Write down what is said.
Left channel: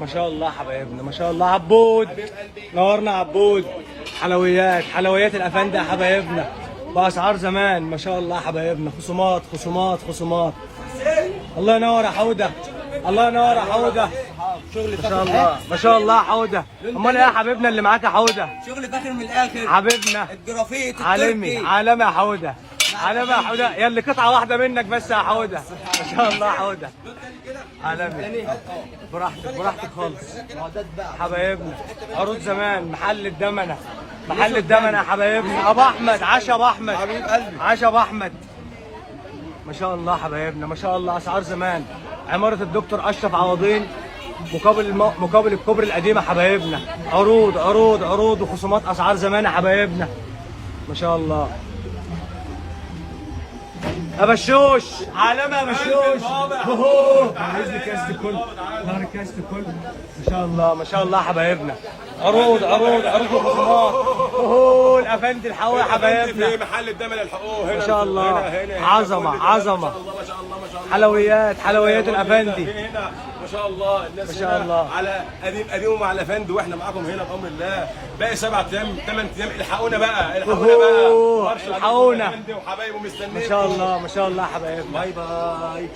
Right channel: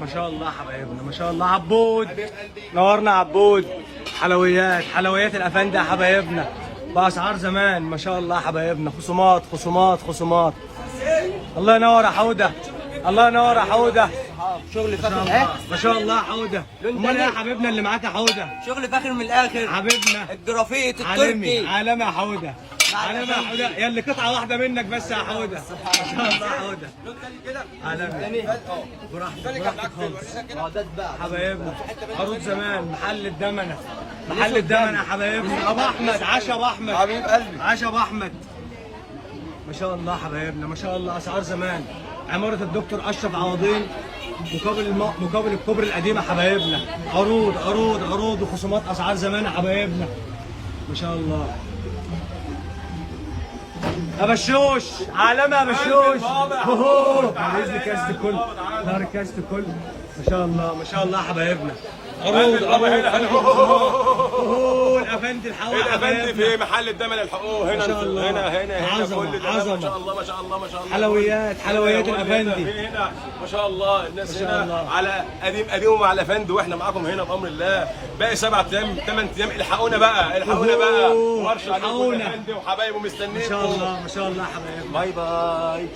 ما شاء الله حبايبنا، ما شاء الله. عبود نورنا عبود. حلويات الافندي يا حبايبنا باسعار زمان. ما شاء الله حبايبنا. خصومات خصومات خصومات. الله ينور يا حوده، الله ينور يا حوده. شغل ما شاء فاخر. الله ما شاء الله يا حوده. امال ايه يا حبيبنا اللي معاك يا حوده؟ شغل فاخر من الاخر حبيبنا الجرافيت عالمي، التركي. عالمي يا حوده، عالمي يا حوده. يا اللي قطعه واحده منك بس يا حوده. ما شاء الله يا حوده. عالمي. براحتك براحتك خالص حبايبنا. عروض زمان. محل الدمنه، محل الدمنه يا حبايبنا. ابو احمد، عشا ابو احمد حبيب قلبي. عشا ابو احمد. ما شاء الله حبايبنا، ما شاء الله. اسعار زمان. عماره الدكتور اشرف عوضين مقابل الكوبري القديمه حبايبنا. عروض عروض عروض وخصومات. اسعار زمان يا حبايبنا. ما شاء الله. يا بشوش، عالمي يا بشوش. عايز لي كاست الكل، ظهر كاست الكل. ما شاء الله ما شاء الله حبايبنا. عروض عروض عروض وخصومات. الافندي الحقوق حبايبنا. في محل الدمن الحقوق هنا ما شاء الله. هنا عظمة، كل ده. عظمة. ما شاء الله ما شاء الله ما شاء الله. حلويات الافندي. هنا ما شاء الله. الناس ما شاء هنا الله. على قديم ومع الافندي، واحنا معاكم هنا بامر الله. باقي 7 ايام 8 ايام. الحقونا بقى الحقونا بقى. الحقونا. وحبايبه مستنيين. ما شاء الله ما شاء الله حبايبنا. باي باي.